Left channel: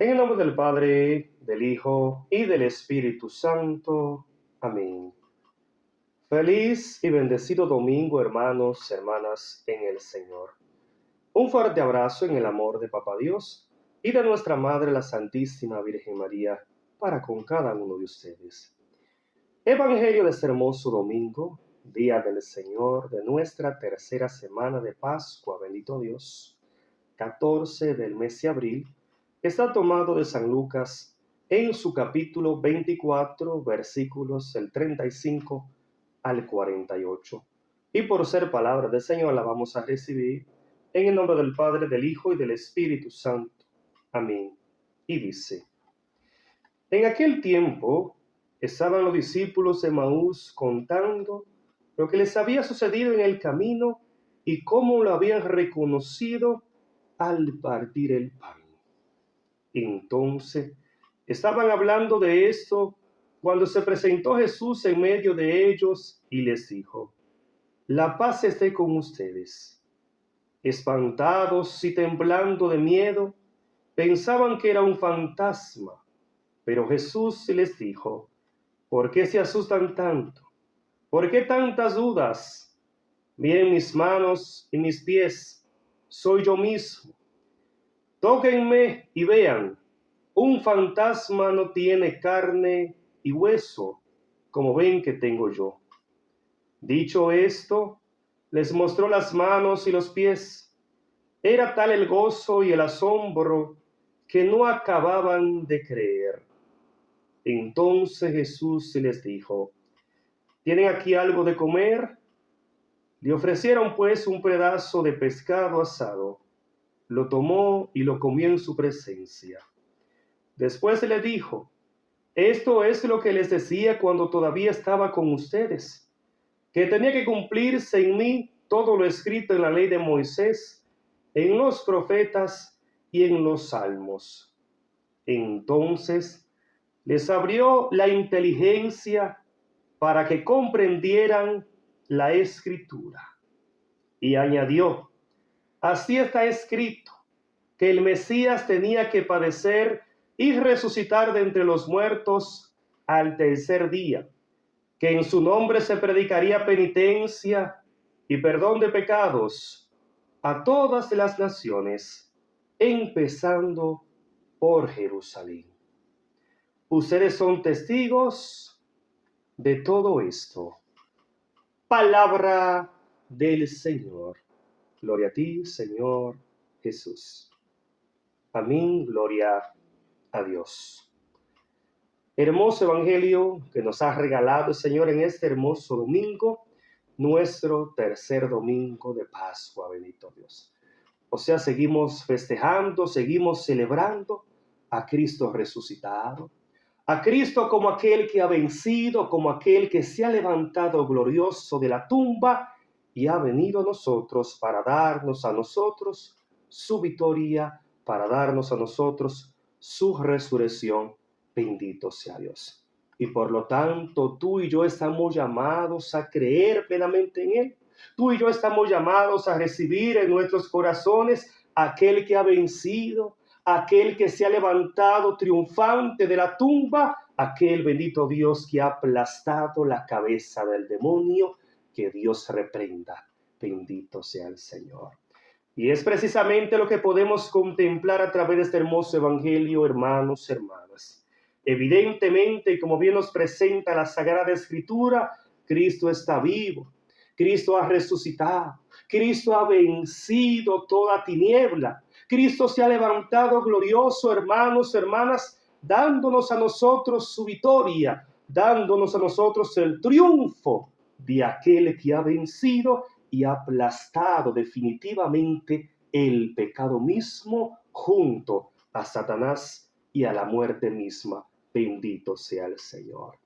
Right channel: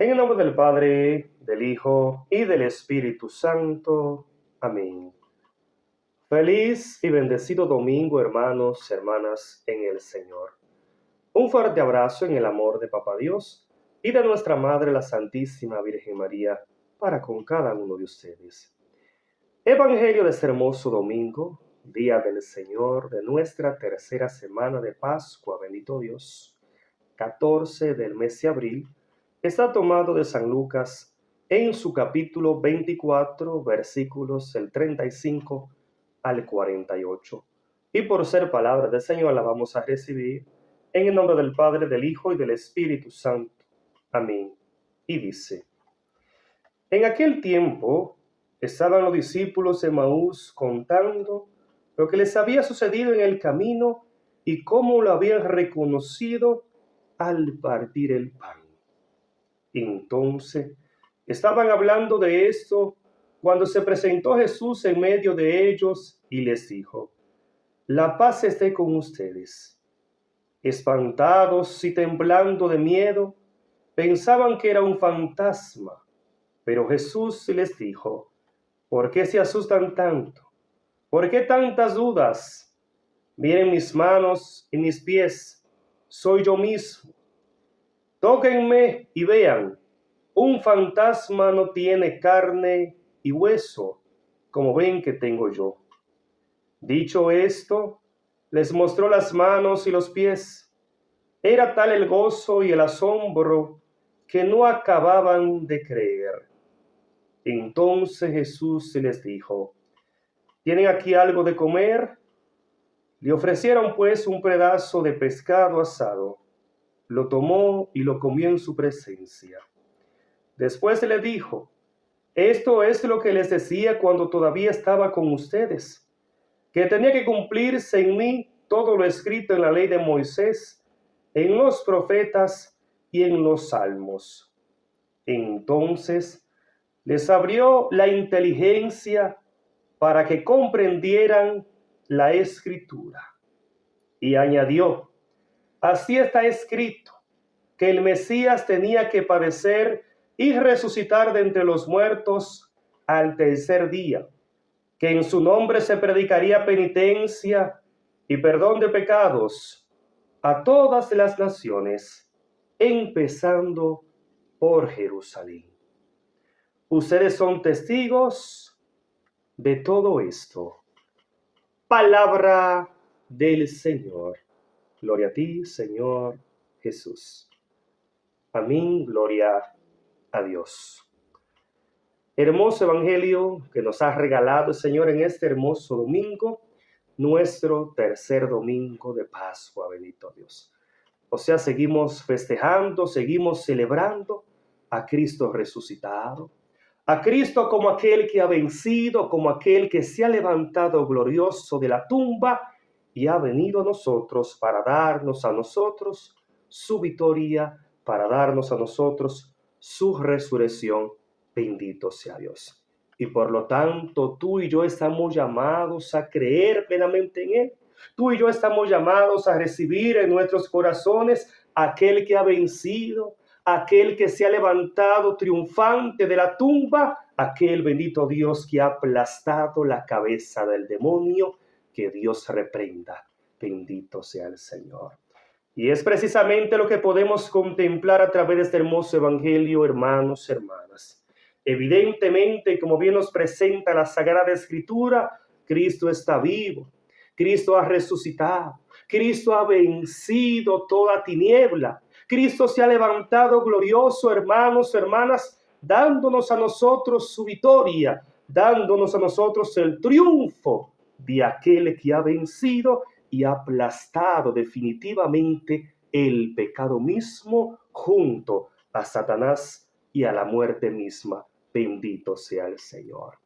En el nombre del Padre, del Hijo y del Espíritu Santo. Amén. Feliz y bendecido domingo, hermanos, hermanas, en el Señor. Un fuerte abrazo en el amor de Papá Dios y de nuestra Madre, la Santísima Virgen María, para con cada uno de ustedes. Evangelio de este hermoso domingo, día del Señor, de nuestra tercera semana de Pascua, bendito Dios, 14 del mes de abril, está tomado de San Lucas en su capítulo 24, versículos del 35 al 48. Y por ser palabra del Señor la vamos a recibir en el nombre del Padre, del Hijo y del Espíritu Santo. Amén. Y dice: En aquel tiempo estaban los discípulos de Maús contando lo que les había sucedido en el camino y cómo lo habían reconocido al partir el pan. Entonces estaban hablando de esto cuando se presentó Jesús en medio de ellos y les dijo: La paz esté con ustedes. Espantados y temblando de miedo, pensaban que era un fantasma, pero Jesús les dijo: ¿Por qué se asustan tanto? ¿Por qué tantas dudas? Miren mis manos y mis pies, soy yo mismo. Tóquenme y vean, un fantasma no tiene carne y hueso, como ven que tengo yo. Dicho esto, les mostró las manos y los pies. Era tal el gozo y el asombro que no acababan de creer. Entonces Jesús les dijo: ¿Tienen aquí algo de comer? Le ofrecieron pues un pedazo de pescado asado. Lo tomó y lo comió en su presencia. Después le dijo: Esto es lo que les decía cuando todavía estaba con ustedes, que tenía que cumplirse en mí todo lo escrito en la ley de Moisés, en los profetas y en los salmos. Entonces les abrió la inteligencia para que comprendieran la escritura. Y añadió: Así está escrito, que el Mesías tenía que padecer y resucitar de entre los muertos al tercer día, que en su nombre se predicaría penitencia y perdón de pecados a todas las naciones, empezando por Jerusalén. Ustedes son testigos de todo esto. Palabra del Señor. Gloria a ti, Señor Jesús. Amén, gloria a Dios. Hermoso evangelio que nos ha regalado el Señor en este hermoso domingo, nuestro tercer domingo de Pascua, bendito Dios. O sea, seguimos festejando, seguimos celebrando a Cristo resucitado, a Cristo como aquel que ha vencido, como aquel que se ha levantado glorioso de la tumba y ha venido a nosotros para darnos a nosotros su victoria, para darnos a nosotros su resurrección. Bendito sea Dios. Y por lo tanto, tú y yo estamos llamados a creer plenamente en Él. Tú y yo estamos llamados a recibir en nuestros corazones aquel que ha vencido, aquel que se ha levantado triunfante de la tumba, aquel bendito Dios que ha aplastado la cabeza del demonio. Que Dios reprenda. Bendito sea el Señor. Y es precisamente lo que podemos contemplar a través de este hermoso evangelio, hermanos, hermanas. Evidentemente, como bien nos presenta la Sagrada Escritura, Cristo está vivo, Cristo ha resucitado, Cristo ha vencido toda tiniebla, Cristo se ha levantado glorioso, hermanos, hermanas, dándonos a nosotros su victoria, dándonos a nosotros el triunfo de aquel que ha vencido y ha aplastado definitivamente el pecado mismo junto a Satanás y a la muerte misma. Bendito sea el Señor.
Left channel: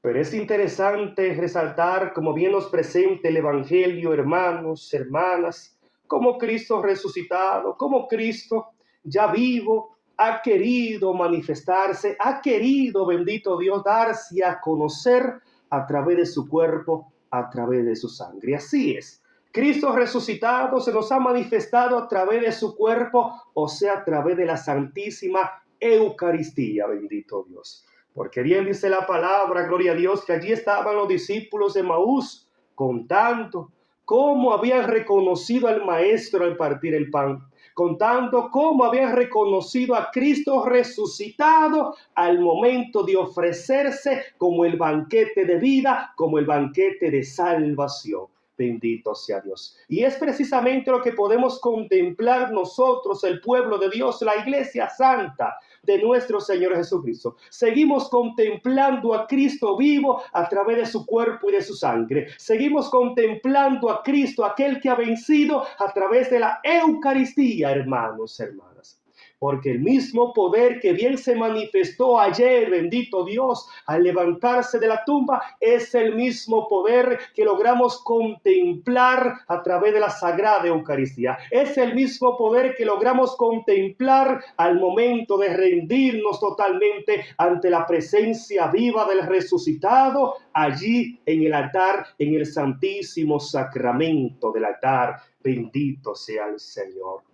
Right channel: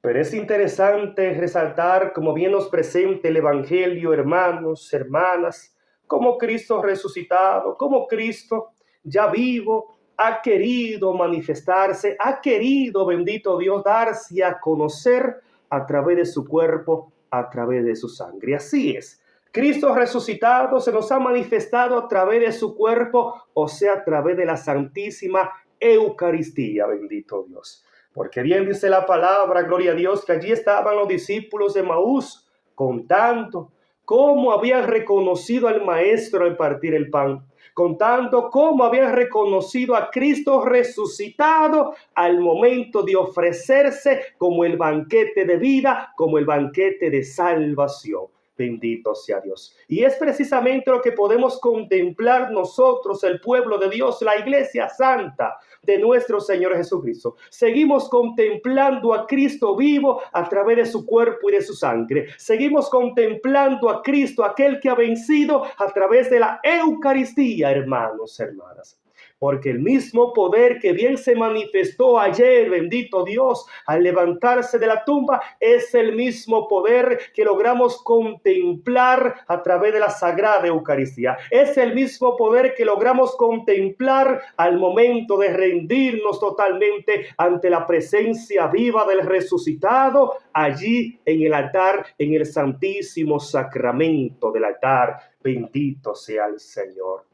Pero es interesante resaltar, como bien nos presenta el Evangelio, hermanos, hermanas, cómo Cristo resucitado, cómo Cristo ya vivo, ha querido manifestarse, ha querido, bendito Dios, darse a conocer a través de su cuerpo, a través de su sangre. Así es, Cristo resucitado se nos ha manifestado a través de su cuerpo, o sea, a través de la Santísima Eucaristía, bendito Dios. Porque bien dice la palabra, gloria a Dios, que allí estaban los discípulos de Maús contando cómo habían reconocido al Maestro al partir el pan, contando cómo habían reconocido a Cristo resucitado al momento de ofrecerse como el banquete de vida, como el banquete de salvación. Bendito sea Dios. Y es precisamente lo que podemos contemplar nosotros, el pueblo de Dios, la iglesia santa de nuestro Señor Jesucristo. Seguimos contemplando a Cristo vivo a través de su cuerpo y de su sangre. Seguimos contemplando a Cristo, aquel que ha vencido, a través de la Eucaristía, hermanos, hermanas. Porque el mismo poder que bien se manifestó ayer, bendito Dios, al levantarse de la tumba, es el mismo poder que logramos contemplar a través de la Sagrada Eucaristía. Es el mismo poder que logramos contemplar al momento de rendirnos totalmente ante la presencia viva del resucitado, allí en el altar, en el santísimo sacramento del altar. Bendito sea el Señor.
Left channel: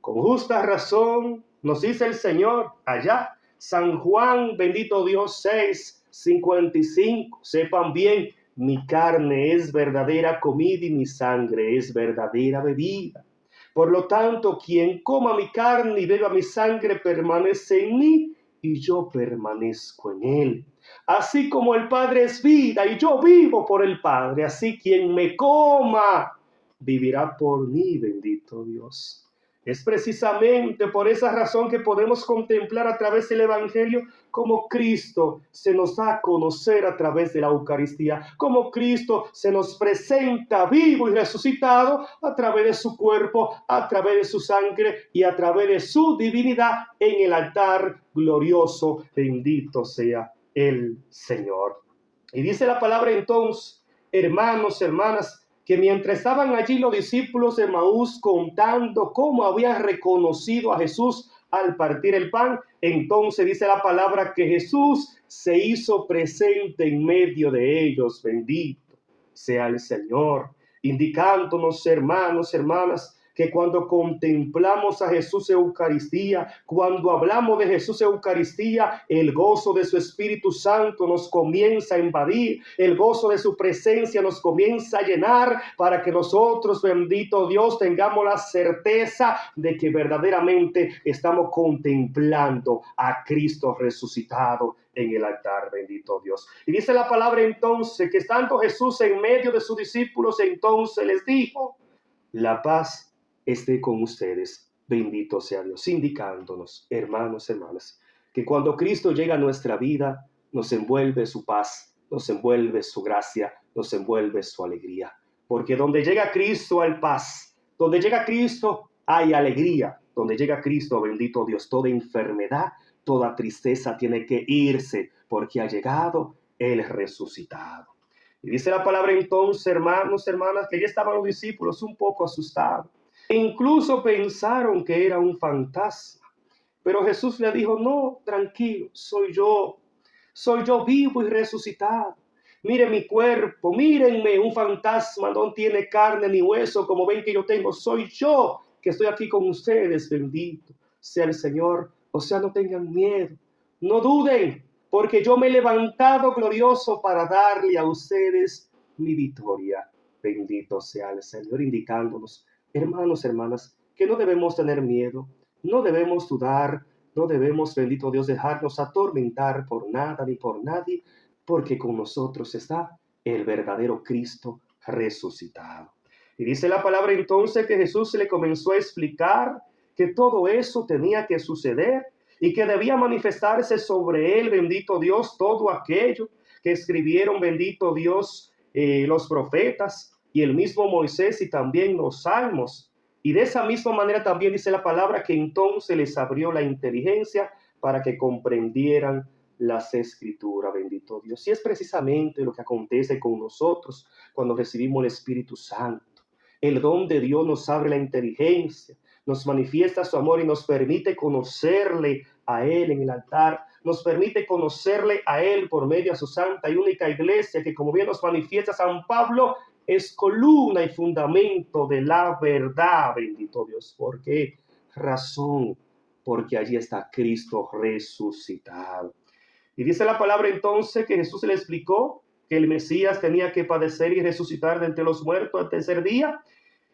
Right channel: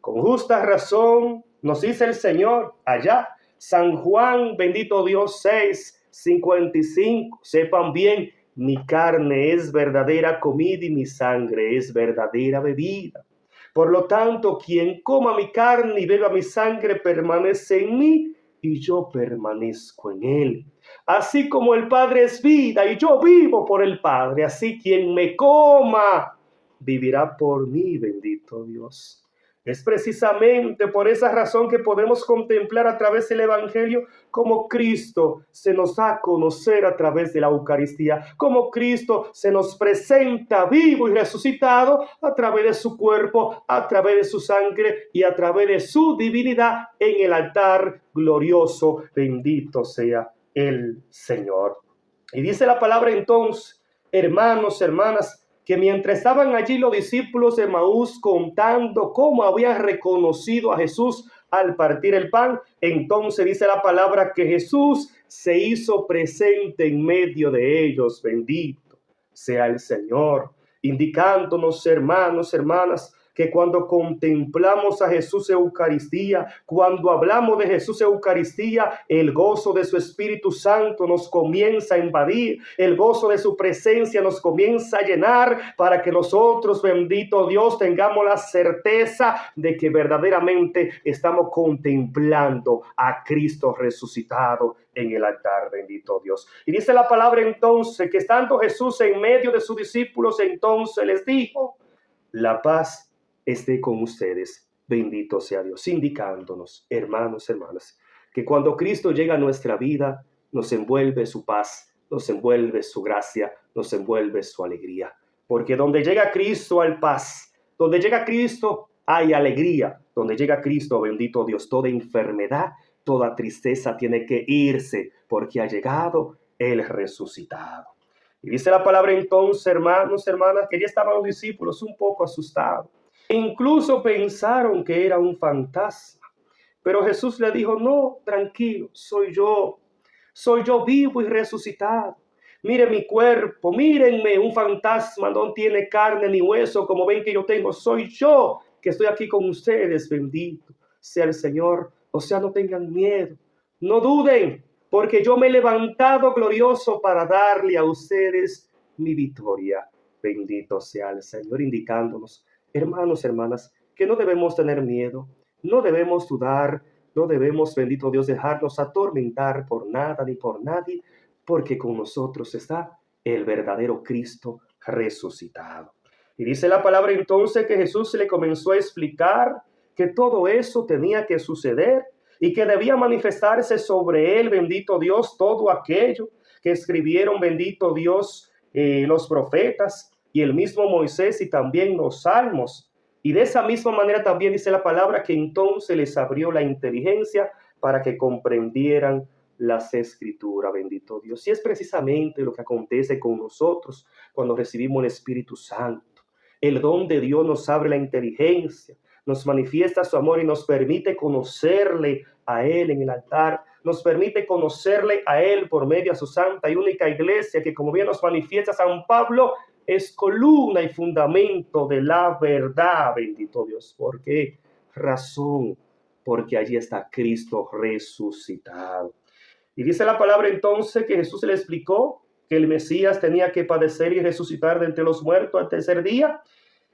Con justa razón nos dice el Señor allá, San Juan, bendito Dios, 6:55. Sepan bien, mi carne es verdadera comida y mi sangre es verdadera bebida. Por lo tanto, quien coma mi carne y beba mi sangre permanece en mí y yo permanezco en él. Así como el Padre es vida y yo vivo por el Padre, así quien me coma vivirá por mí, bendito Dios. Es precisamente por esa razón que podemos contemplar a través del Evangelio cómo Cristo se nos da a conocer a través de la Eucaristía, cómo Cristo se nos presenta vivo y resucitado a través de su cuerpo, a través de su sangre y a través de su divinidad en el altar glorioso. Bendito sea el Señor. Y dice la palabra entonces, hermanos, hermanas, que mientras estaban allí los discípulos de Maús contando cómo habían reconocido a Jesús al partir el pan, entonces dice la palabra que Jesús se hizo presente en medio de ellos. Bendito sea el Señor, indicándonos, hermanos, hermanas, que cuando contemplamos a Jesús Eucaristía, cuando hablamos de Jesús Eucaristía, el gozo de su Espíritu Santo nos comienza a invadir, el gozo de su presencia nos comienza a llenar para que nosotros, bendito Dios, tengamos la certeza de que verdaderamente estamos contemplando a Cristo resucitado en el altar, bendito Dios. Y dice la palabra entonces que estando Jesús en medio de sus discípulos, entonces les dijo, la paz esté con ustedes, bendito sea Dios, indicándonos, hermanos, hermanas, que cuando Cristo llega a nuestra vida, nos envuelve su paz, nos envuelve su gracia, nos envuelve su alegría, porque donde llega Cristo hay paz, donde llega Cristo hay alegría, donde llega Cristo, bendito Dios, toda enfermedad, toda tristeza tiene que irse, porque ha llegado el resucitado. Y dice la palabra entonces, hermanos, hermanas, que ya estaban los discípulos un poco asustados. Incluso pensaron que era un fantasma. Pero Jesús le dijo, no, tranquilo, soy yo vivo y resucitado. Miren mi cuerpo, mírenme, un fantasma no tiene carne ni hueso como ven que yo tengo. Soy yo que estoy aquí con ustedes, bendito sea el Señor. O sea, no tengan miedo, no duden, porque yo me he levantado glorioso para darle a ustedes mi victoria. Bendito sea el Señor, indicándonos, hermanos, hermanas, que no debemos tener miedo, no debemos dudar, no debemos, bendito Dios, dejarnos atormentar por nada ni por nadie, porque con nosotros está el verdadero Cristo resucitado. Y dice la palabra entonces que Jesús le comenzó a explicar que todo eso tenía que suceder y que debía manifestarse sobre él, bendito Dios, todo aquello que escribieron, bendito Dios, los profetas y el mismo Moisés y también los salmos. Y de esa misma manera también dice la palabra que entonces les abrió la inteligencia para que comprendieran las escrituras, bendito Dios. Y es precisamente lo que acontece con nosotros cuando recibimos el Espíritu Santo. El don de Dios nos abre la inteligencia, nos manifiesta su amor y nos permite conocerle a Él en el altar, nos permite conocerle a Él por medio de su santa y única iglesia, que como bien nos manifiesta San Pablo, es columna y fundamento de la verdad, bendito Dios. ¿Por qué razón? Porque allí está Cristo resucitado. Y dice la palabra entonces que Jesús le explicó que el Mesías tenía que padecer y resucitar de entre los muertos al tercer día,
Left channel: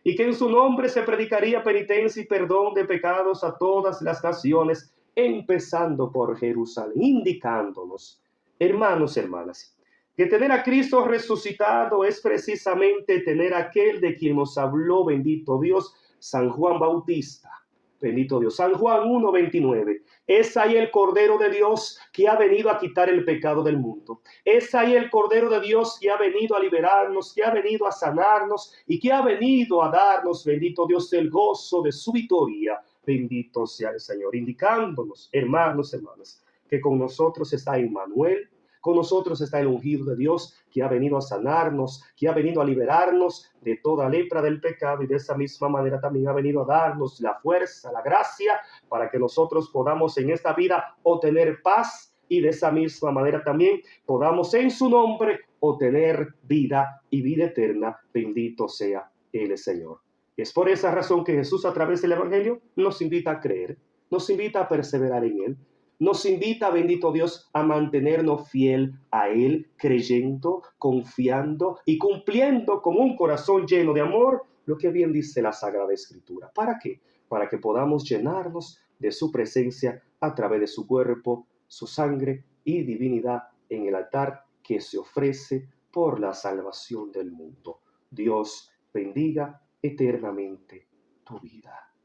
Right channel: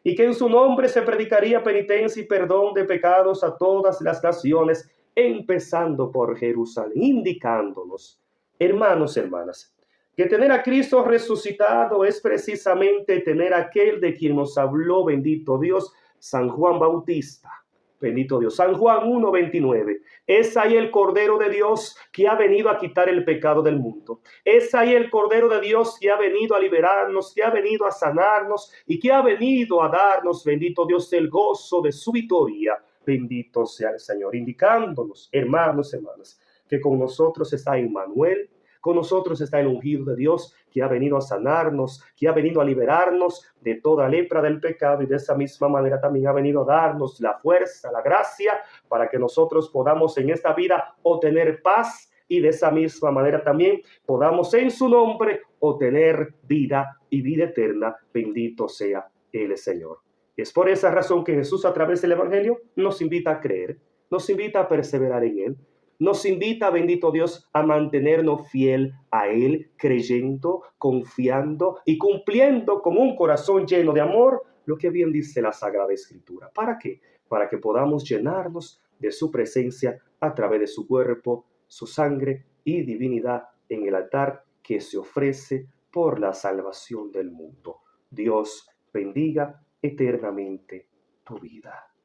y que en su nombre se predicaría penitencia y perdón de pecados a todas las naciones, empezando por Jerusalén, indicándonos, hermanos, hermanas, que tener a Cristo resucitado es precisamente tener aquel de quien nos habló, bendito Dios, San Juan Bautista. Bendito Dios. San Juan 1:29. Es ahí el Cordero de Dios que ha venido a quitar el pecado del mundo. Es ahí el Cordero de Dios que ha venido a liberarnos, que ha venido a sanarnos y que ha venido a darnos, bendito Dios, el gozo de su victoria. Bendito sea el Señor, indicándonos, hermanos, hermanas, que con nosotros está Emmanuel, con nosotros está el ungido de Dios que ha venido a sanarnos, que ha venido a liberarnos de toda lepra del pecado, y de esa misma manera también ha venido a darnos la fuerza, la gracia, para que nosotros podamos en esta vida obtener paz, y de esa misma manera también podamos en su nombre obtener vida y vida eterna. Bendito sea el Señor. Es por esa razón que Jesús, a través del Evangelio, nos invita a creer, nos invita a perseverar en Él, nos invita, bendito Dios, a mantenernos fiel a Él, creyendo, confiando y cumpliendo con un corazón lleno de amor lo que bien dice la Sagrada Escritura. ¿Para qué? Para que podamos llenarnos de su presencia a través de su cuerpo, su sangre y divinidad en el altar que se ofrece por la salvación del mundo. Dios bendiga eternamente tu vida.